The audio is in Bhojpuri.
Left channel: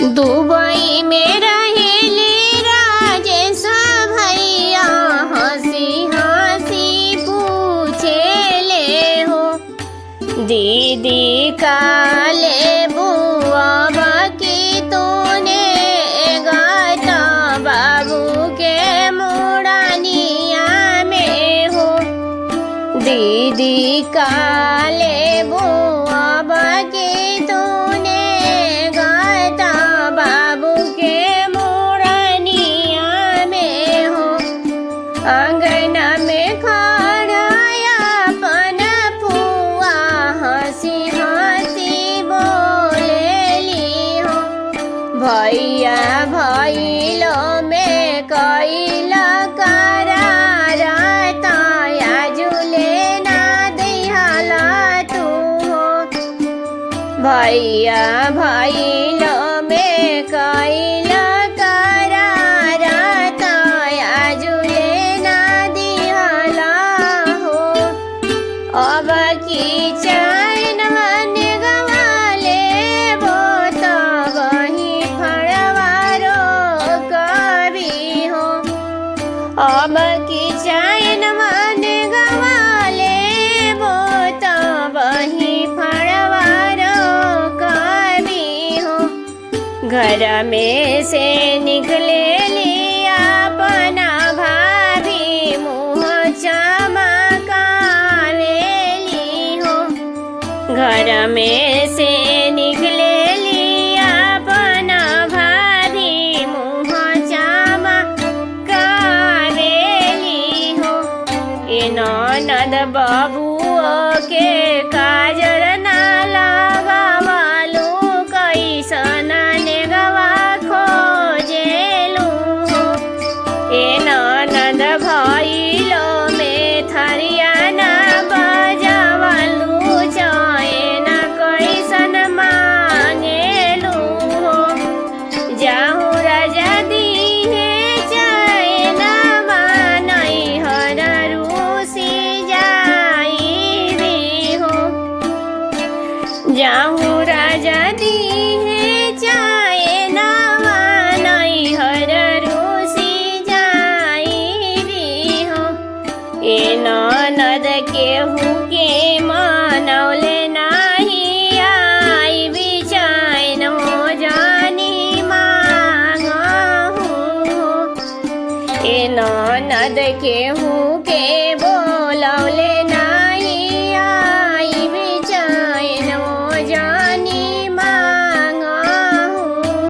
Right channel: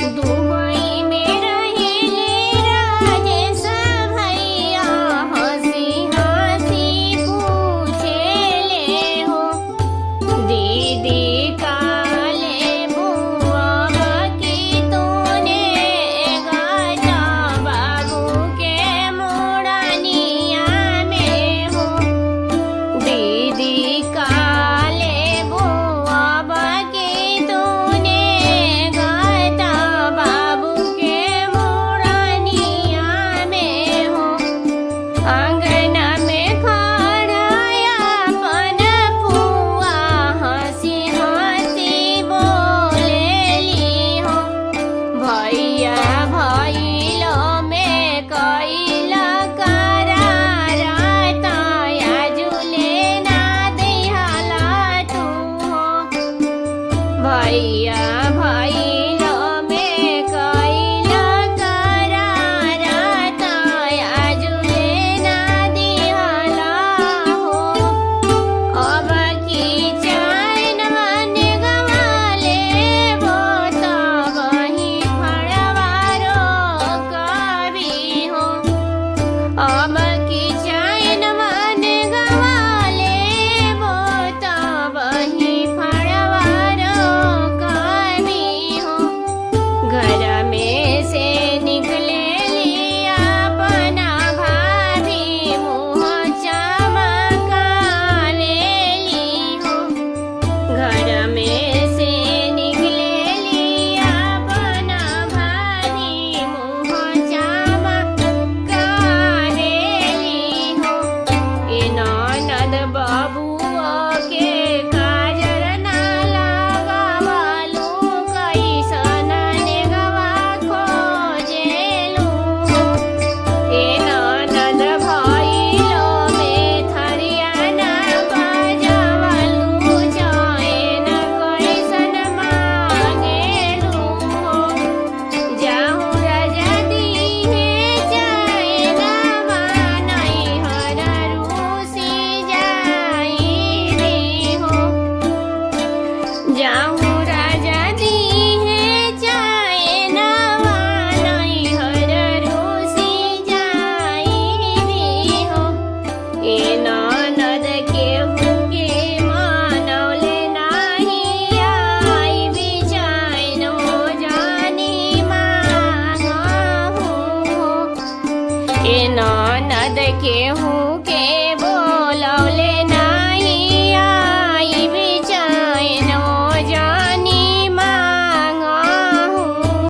दुबई में रहेली राजेश भैया हंसी हंसी पूछेले हो दीदी काले बुआ की तूने गाता बाबू के मुड़निया में हो दीदी काले बुआ की तूने गाता बाबू के मुड़निया में हो अंगना में खड़ा अपन फुआ हंसी हंसी बोलेली हो भैया भैलो में कैला करार ताया झूले ना दिहला तू हो भैया भैलो में कैला करार ताया झूले ना दिहला हो अब की चैन मन गवाले वो तो वही फड़वारो कभी हो अब की चैन मन गवाले वो तो वही फड़वारो कभी हो घर में से निकले लिया अपना भाभी मुँह चमकावेली हो घर में से निकले लिया अपना भाभी मुँह चमकावेली हो ए ननद बबुआ के काजर ना लगावलू कैसन नेगवा खोजेलू हो ए ननद भइलो में थरिया ना बजावलू चैन कैसन मांगेलू हो जाहू राजा दीहे चैन मानई हर रूसी जाई हो जाहू राजा दीहे चैन मानई हर रूसी जाई हो ए ननद केहू के मनौले नाही आई बिचैन हो जानी मांगहू हो ए ननद केहू के